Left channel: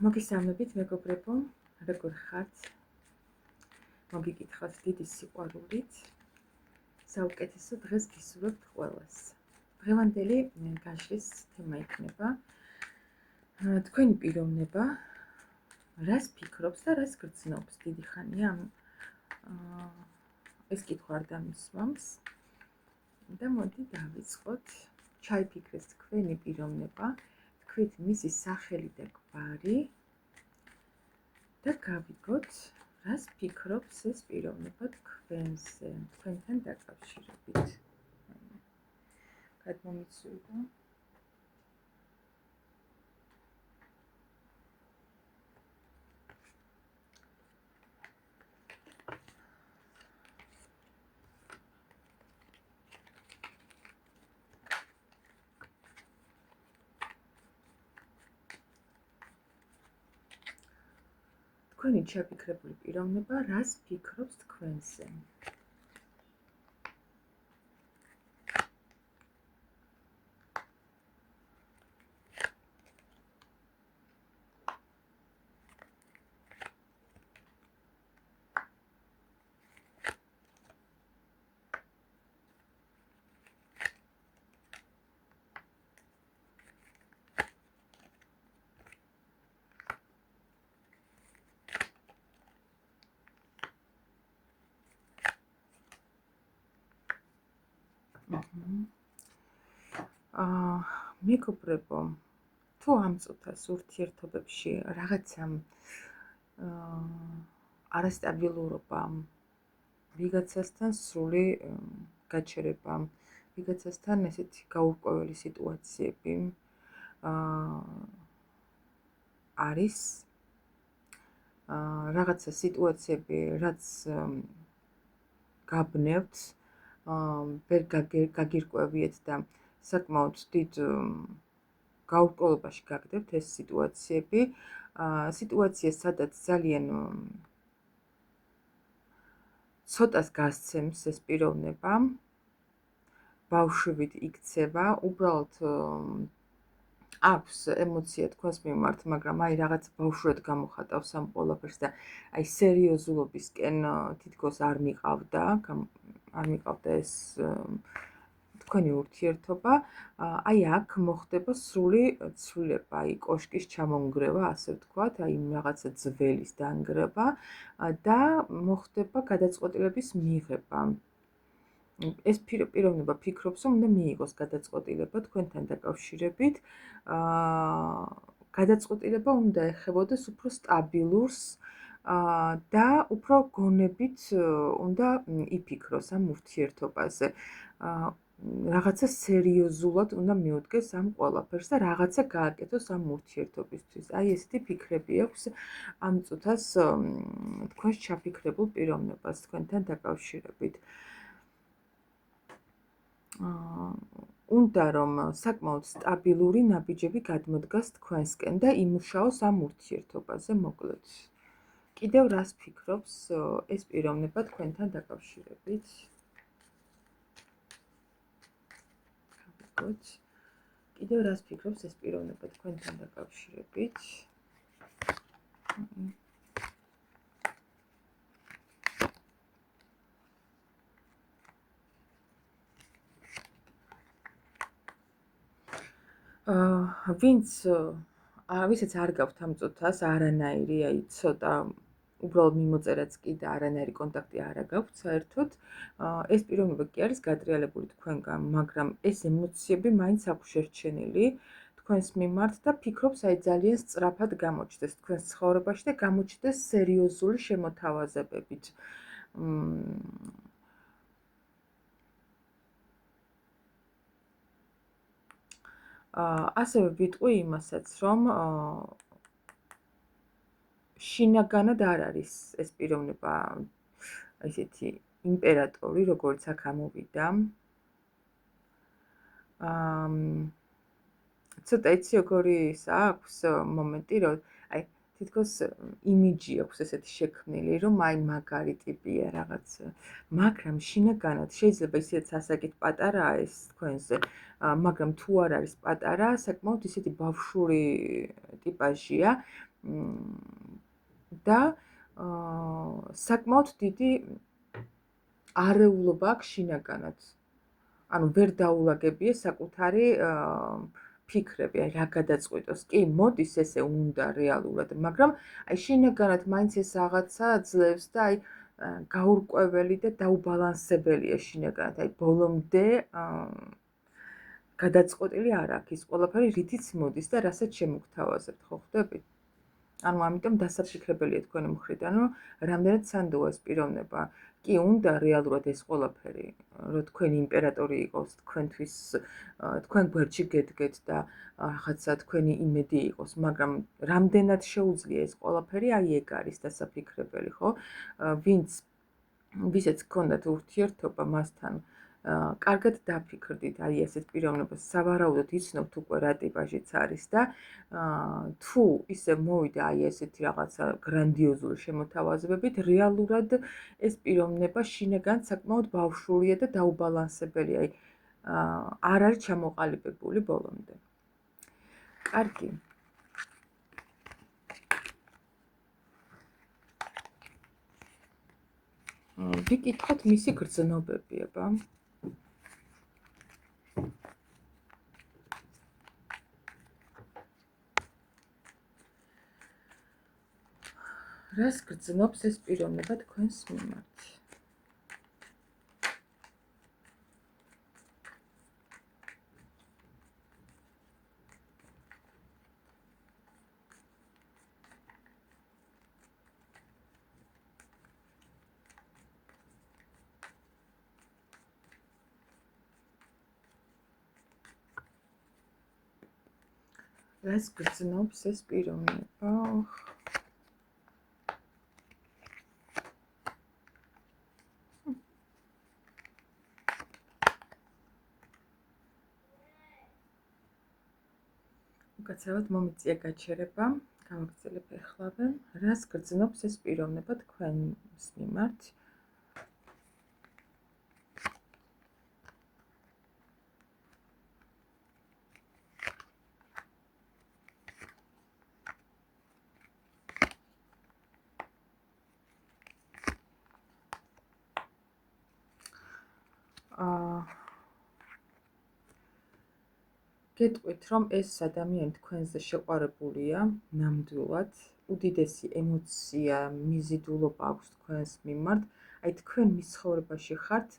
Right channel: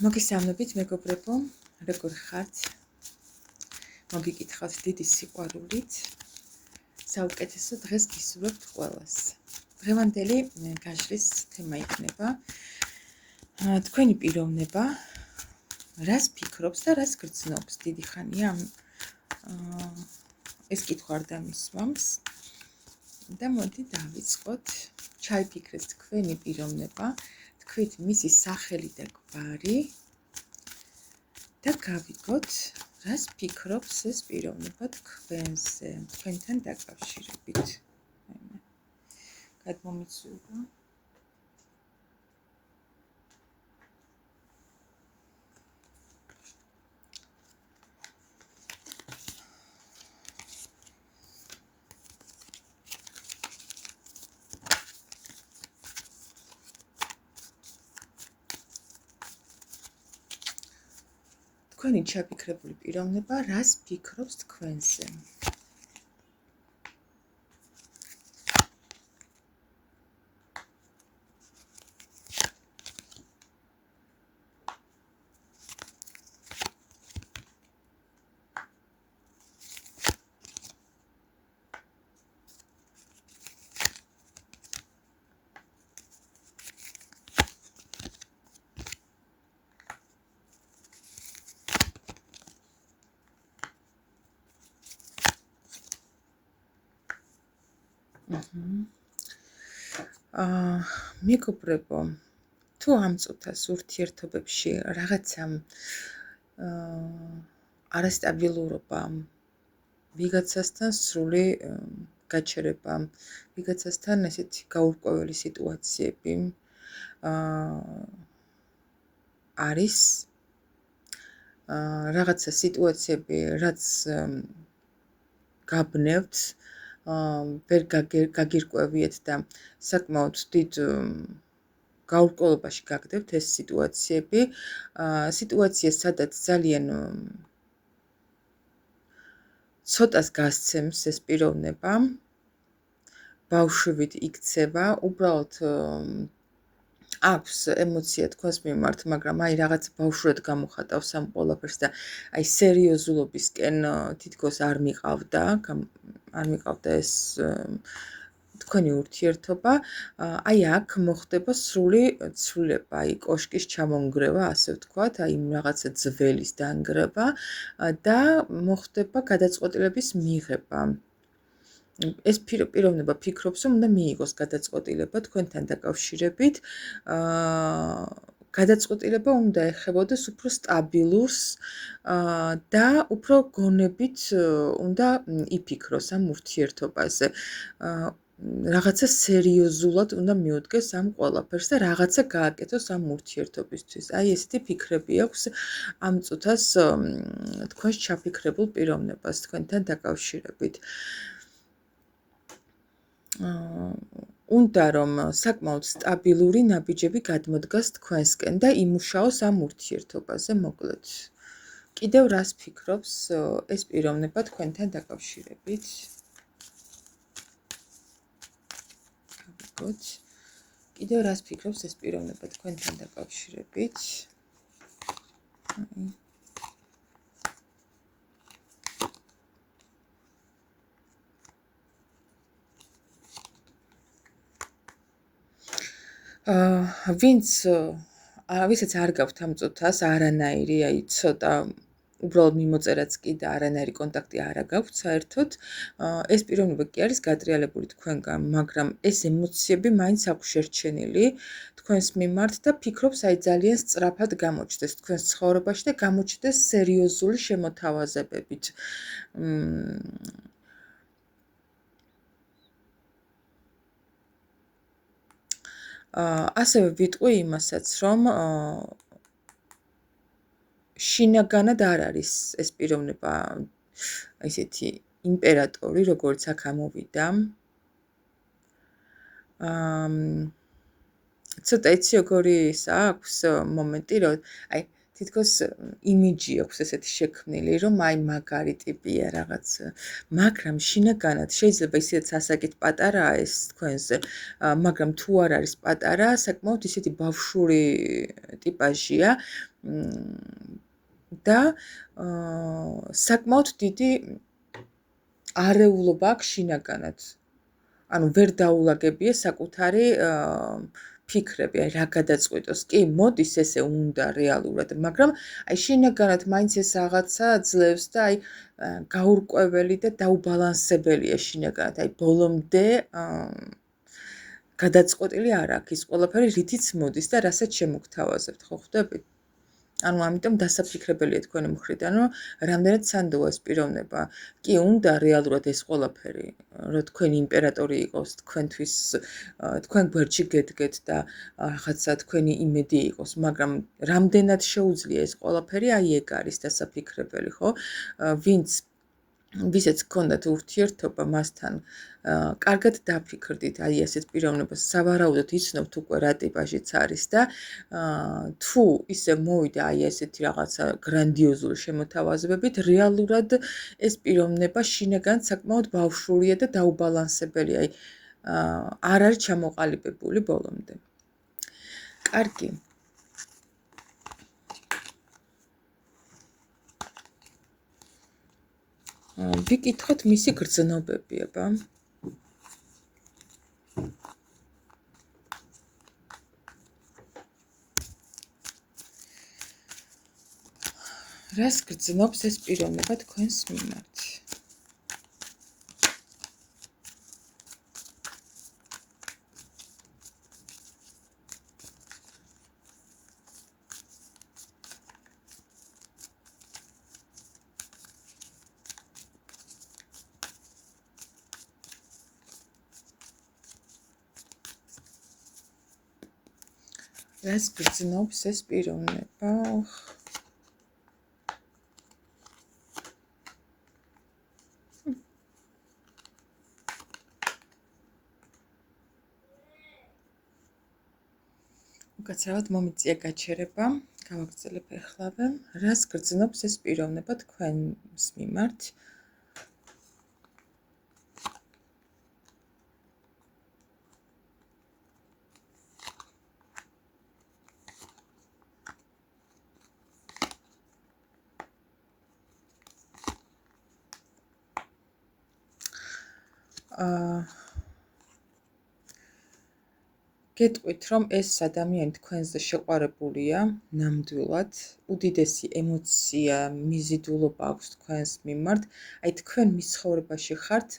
მოგესალმებით მეგობრებო, როგორ ხართ? მოგიკითხავთ დიდი სიყვარულით. საუკეთესო დღეს გისურვებთ ყველას. დღევანდელი გაჟრის თემა იქნება თქვენი პიროვნება, რას ფიქრობს და რას გრძნობს. დიდი ხანია ეს კითხვა არ დამისვამს და მოდი დავიწყოთ. ჩაიფიქრეთ თქვენი პიროვნება, თქვით მისი სახელი და გვარი და გავიგოთ, რას ფიქრობს ეს პიროვნება თქვენზე, თქვენთან დაკავშირებით. გადმომიცურვა. თქვენი ჩაფიქრებული პიროვნება რას ფიქრობს თქვენზე? მეგობრებო, თუ ამ წუთას ურთიერთობებში რაღაცა არასტაბილურობა, ვიღაცასთან სრული გაჩერება, ვიღაცასთან ესეთი გაურკვეველი სიტუაციები არის, რაღაცა სიტუაციები, რაც გაბნევთ, ვერ გაგირკვევიეთ და საკმაოდ დიდ გაურკვევლობაში გაგდებთ ეს სიტუაციები, სიტუაცია, სადაც ძალიან ცოტას გასცემს ეს პიროვნება, ბავშვივით იქცევა, უბრალოდ აქვს ემოცია თქვენს მიმართ, მაგრამ რაღაც ბავშვად გამოხატავს ამ ყველაფერს და სერიოზულობისკენ თითქოს არ მიყავდა ეს თქვენი ურთიერთობა, აქ მოხდება სრული ცვლილება, კოშკის ჩამონგრევა, ასე ვთქვათ, რაღაცა ძველის დანგრევა და მოხდება გადაწყვეტილების მიღება. ეს პიროვნება ფიქრობს, რომ უნდა მიიღოს გადაწყვეტილება თქვენთან დაკავშირებით, გადაწყვეტილება უნდა ეხებოდეს უფრო სტაბილურს და უფრო გონებით უნდა იფიქროს ამ ურთიერთობაზე. რაღაცა სერიოზულად უნდა მიუდგეს ამ ყველაფერს და რაღაცა გააკეთოს ამ ურთიერთობისთვის. ესეთი ფიქრები აქვს ამ წუთას თქვენს ჩაფიქრებულ პიროვნებას თქვენთან დაკავშირებით. უნდა რომ საკმაოდ სტაბილური ნაბიჯები გადმოდგას თქვენსკენ და იმუშაოს ამ ურთიერთობაზე, მოკლედ. კიდევ რას ფიქრობს ეს პიროვნება თქვენთან დაკავშირებით? კიდევ რას ფიქრობს ეს პიროვნება თქვენთან დაკავშირებით? ვისაც არ გაქვთ ამ წუთას არანაირი, ცოტა უბრალოდ მიმოწერაც კი და არანაირი კონტაქტი არ გაქვთ საერთოდ, ეს პიროვნება კი არის გატრიალებული თქვენგან, მაგრამ ეს ემოციები მაინც აქვს შერჩენილი თქვენს მიმართ და ფიქრობს ძალიან სწრაფად გამოჩნდეს თქვენს ცხოვრებაში და გამოჩნდეს სერიოზული შემოთავაზებებით. ასევე ვიტყვი იმასაც, რომ შინაგანად არ არის ეს პიროვნება ესეთი იმპერატორი, როგორც აქ ამოვიდა. ცოტა იცი როგორი აქვს მომენტი, რომ თითქოს იმიჯი აქვს ესეთი შექმნილი, რომ აი მაგარი ტიპია რაღაც, მაგრამ შინაგანად შეიძლება ისედაც ასაკით პატარაა ეს თქვენზე, მაგრამ თუ არ არის პატარა, საკმაოდ ისეთი ბავშვური ტიპაჟია და საკმაოდ დიდი არეულობა აქვს შინაგანად. ანუ ვერ დაულაგებია საკუთარი ფიქრები, აი რა გადაწყვიტოს. კი, მოდის ესე უნდა რეალურად, მაგრამ აი შინაგანად მაინც ეს რაღაცა ძლევს და აი გაურკვეველი და დაუბალანსებელია შინაგანად. აი ბოლომდე გადაწყვეტილი არ აქვს ის ყველაფერი, რითიც მოდის და რასაც შემოგთავაზებთ, ხო ხვდებით? ანუ ამიტომ დასაფიქრებელია თქვენი მხრიდან, რომ რამდენად სანდოა ეს პიროვნება. კი, უნდა რეალურად ეს ყველაფერი, რომ თქვენი იმპერატორი იყოს, თქვენთვის, თქვენ გვერდში გედგეთ და რაღაცა თქვენი იმედი იყოს, მაგრამ რამდენად შეუძლია ეს ყველაფერი, აი ეგ არის დასაფიქრებელი, ხო? ვისაც გქონდათ ურთიერთობა მასთან, კარგად დაფიქრდით აი ასეთ პიროვნებას, სავარაუდოდ იცნობთ უკვე რა ტიპაჟიც არის და თუ ისე მოვიდა აი ესეთი რაღაცა გრანდიოზული შემოთავაზებებით, რეალურად ეს პიროვნება შინაგანად საკმაოდ ბავშვურია და დაუბალანსებელია, აი არ არის ჩამოყალიბებული ბოლომდე. კარგი. ვიკითხოთ მისი გრძნობები, აბა. რას გრძნობს ეს პიროვნება თქვენს მიმართ? რას გრძნობს ეს პიროვნება? უკაცრავად მომიწია გაჩერება, გავაგრძელებ ეხლავე. რას გრძნობს ეს პიროვნება თქვენს მიმართ? გეტყვით, რომ ეს ადამიანი თქვენზე შეყვარებულია ნამდვილად, უდიდესი ემოცია, მიზიდულობა აქვს თქვენს მიმართ, აი თქვენ მის ცხოვრებაში ხართ,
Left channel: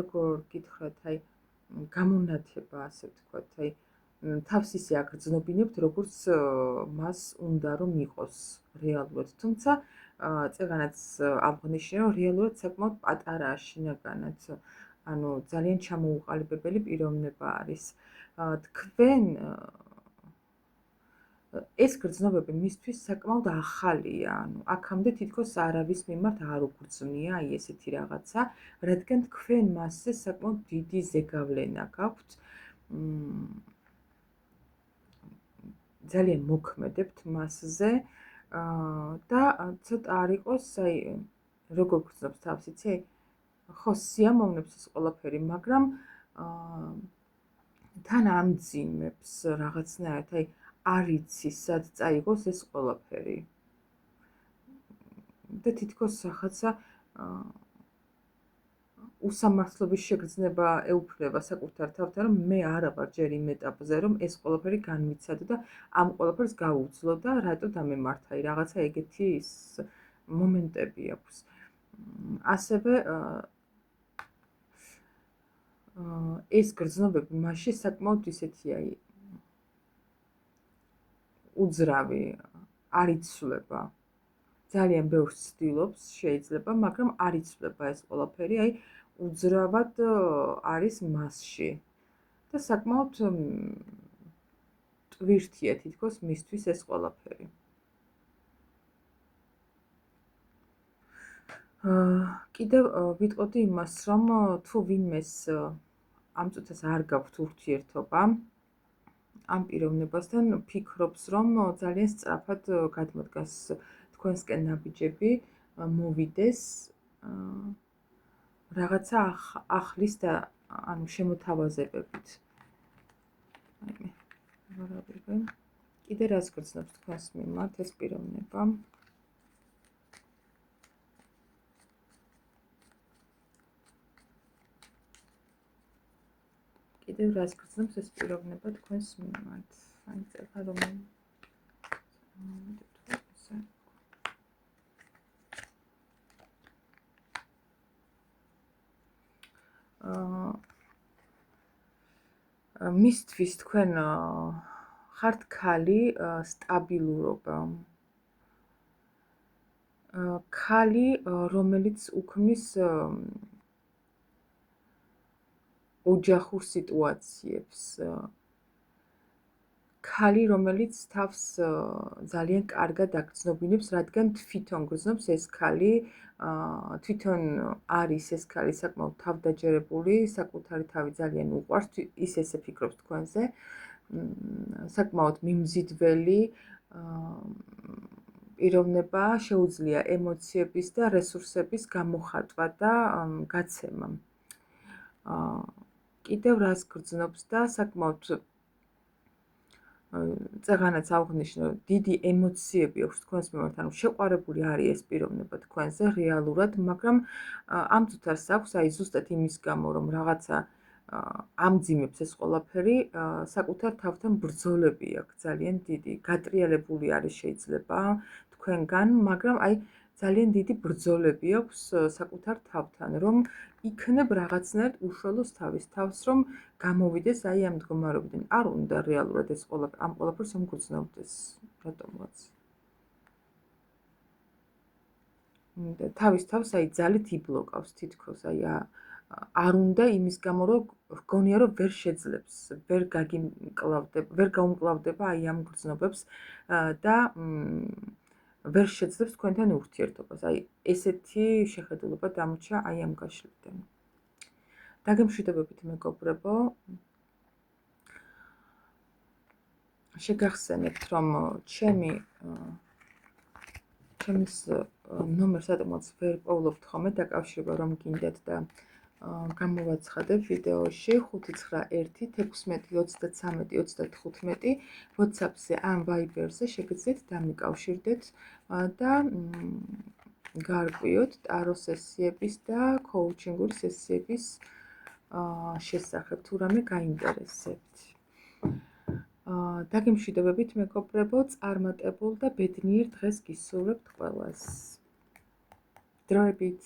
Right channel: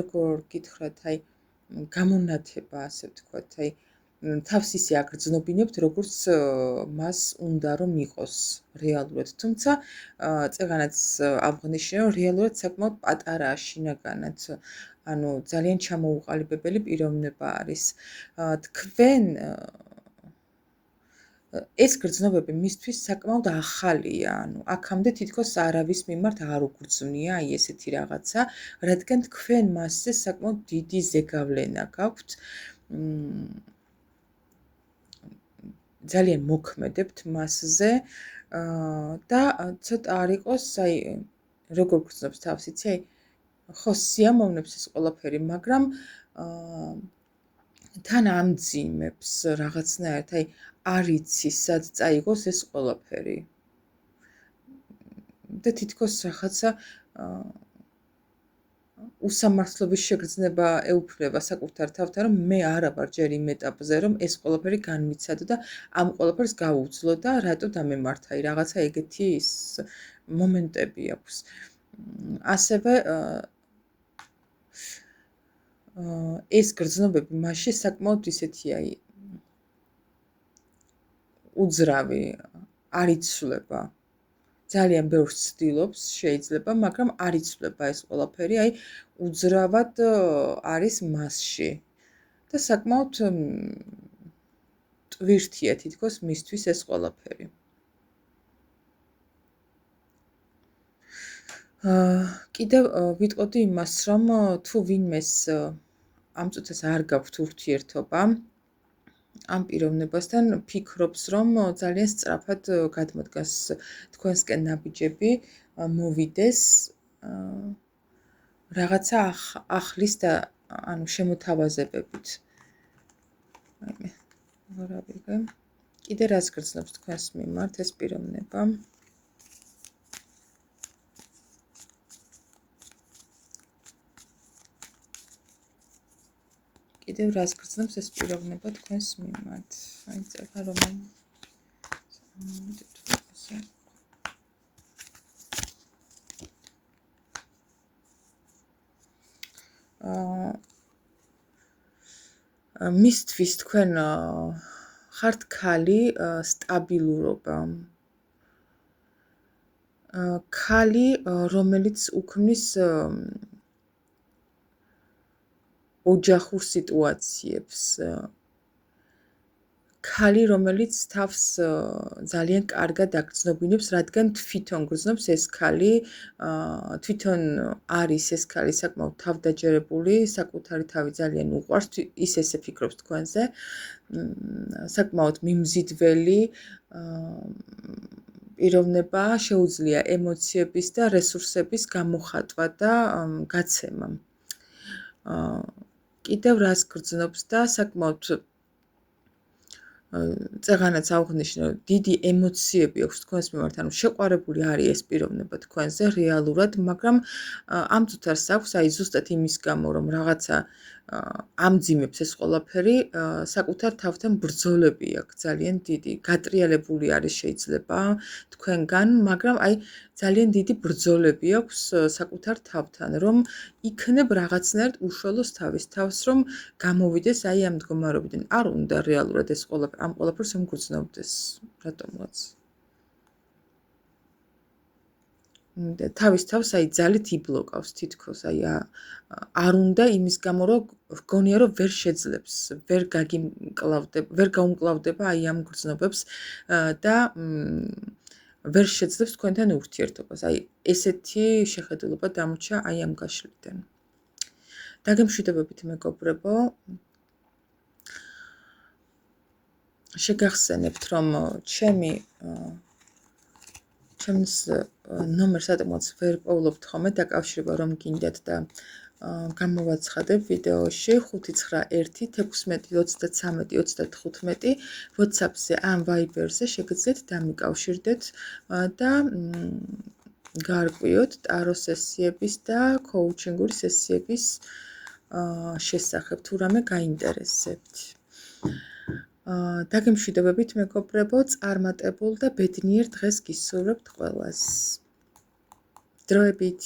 როგორ გითხრათ, აი გამონათება, ასე ვთქვათ, აი თავს ისე აგრძნობინებთ, როგორც მას უნდა რომ იყოს რეალურად. თუმცა წეგანაც აღნიშნე, რომ რეალურად საკმაოდ პატარაა შინაგანად, ანუ ძალიან ჩამოუყალიბებელი პიროვნება არის. თქვენ ეს გრძნობები მისთვის საკმაოდ ახალია, ანუ აქამდე თითქოს არავის მიმართ არ უგრძნია აი ესეთი რაღაცა, რადგან თქვენ მასზე საკმაოდ დიდი ზეგავლენა გაქვთ. ძალიან მოქმედებთ მასზე და ცოტა არ იყოს, აი როგორ გრძნობს თავს, იცი? ხო, სიამოვნებს ეს ყველაფერი, მაგრამ თან ამძიმებს რაღაცნაირად, აი არ იცი სად წაიღოს ეს ყველაფერი. და თითქოს რაღაცა უსამართლობის შეგრძნება ეუფლება საკუთარ თავთან, რომ მე არა ვარ ჯერ იმ ეტაპზე, რომ ეს ყველაფერი განვიცადო და ამ ყველაფერს გავუძლო და რატო დამემართა, აი რაღაცა ეგეთი ის მომენტები აქვს. ასევე ეს გრძნობები მასში საკმაოდ ისეთი აი უძრავი არ იცვლება. ძალიან ბევრს ცდილობს შეიძლება, მაგრამ არ იცვლება ეს ყველაფერი, აი უძრავად არის მასში. და საკმაოდ ტვირთია თითქოს მისთვის ეს ყველაფერი. კიდევ ვიტყოდი იმას, რომ თუ ვინმეს ამ წუთას არ გაქვთ ურთიერთობა, ამ პიროვნებასთან ფიქრობს, რომ ძალიან სწრაფად გადმოდგას თქვენსკენ ნაბიჯები, მოვიდეს რაღაცა ახლის და ანუ შემოთავაზებებით. აი მე რა ვიგე. კიდე რაც გრძნობს თქვენს მიმართ ეს პიროვნება? კიდევ რას გრძნობს ეს პიროვნება თქვენს მიმართ? აი წერა რომ მისთვის თქვენ ხართ ქალი სტაბილურობა. ქალი რომელიც უქმნის ოჯახურ სიტუაციებს. ქალი რომელიც თავს ძალიან კარგად აგრძნობინებს, რადგან თვითონ გრძნობს ეს ქალი, თვითონ არის ეს ქალი საკმაოდ თავდაჯერებული, საკუთარი თავი ძალიან უყვარს, ის ესე ფიქრობს თქვენზე, საკმაოდ მიმზიდველი პიროვნება, შეუძლია ემოციების და რესურსების გამოხატვა და გაცემა. კიდევ რას გრძნობს და საკმაოდ წეღანაც აღნიშნე, დიდი ემოციები აქვს თქვენს მიმართ, ანუ შეყვარებული არის ეს პიროვნება თქვენზე რეალურად, მაგრამ ამ წუთას აქვს, აი ზუსტად იმის გამო, რომ რაღაცა ამძიმებს ეს ყველაფერი, საკუთარ თავთან ბრძოლები აქვს ძალიან დიდი, გატრიალებული არის შეიძლება თქვენგან, მაგრამ აი ძალიან დიდი ბრძოლები აქვს საკუთარ თავთან, რომ იქნებ რაღაცნაირად უშველოს თავის თავს, რომ გამოვიდეს აი ამ მდგომარეობიდან. არ უნდა რეალურად ეს ყველაფერი, ამ ყველაფერს რომ გრძნობდეს, რატომღაც. თავის თავს აი ძალით იბლოკავს თითქოს, აი არ უნდა იმის გამო, რომ გონია, რომ ვერ შეძლებს, ვერ გაუმკლავდება აი ამ გრძნობებს და ვერ შეძლებს თქვენთან ურთიერთობას. აი ესეთი შეხედულება დამრჩა აი ამ გაშლიდან. დაგემშვიდობებით მეგობრებო. შეგახსენებთ, რომ ჩემს ნომერს ატმოც ვერ პოვლობთ ხოლმე დაკავშირება რომ გინდათ და გამოვაცხადებ ვიდეოში 591-16-33-35 WhatsApp-ზე ან Viber-ზე შეგიძლიათ დამიკავშირდეთ და გაარკვიოთ ტარო სესიების და კოუჩინგური სესიების შესახებ თუ რამე გაინტერესებთ. დაგემშვიდობებით მეგობრებო, წარმატებულ და ბედნიერ დღეს გისურვებთ ყველას. დროებით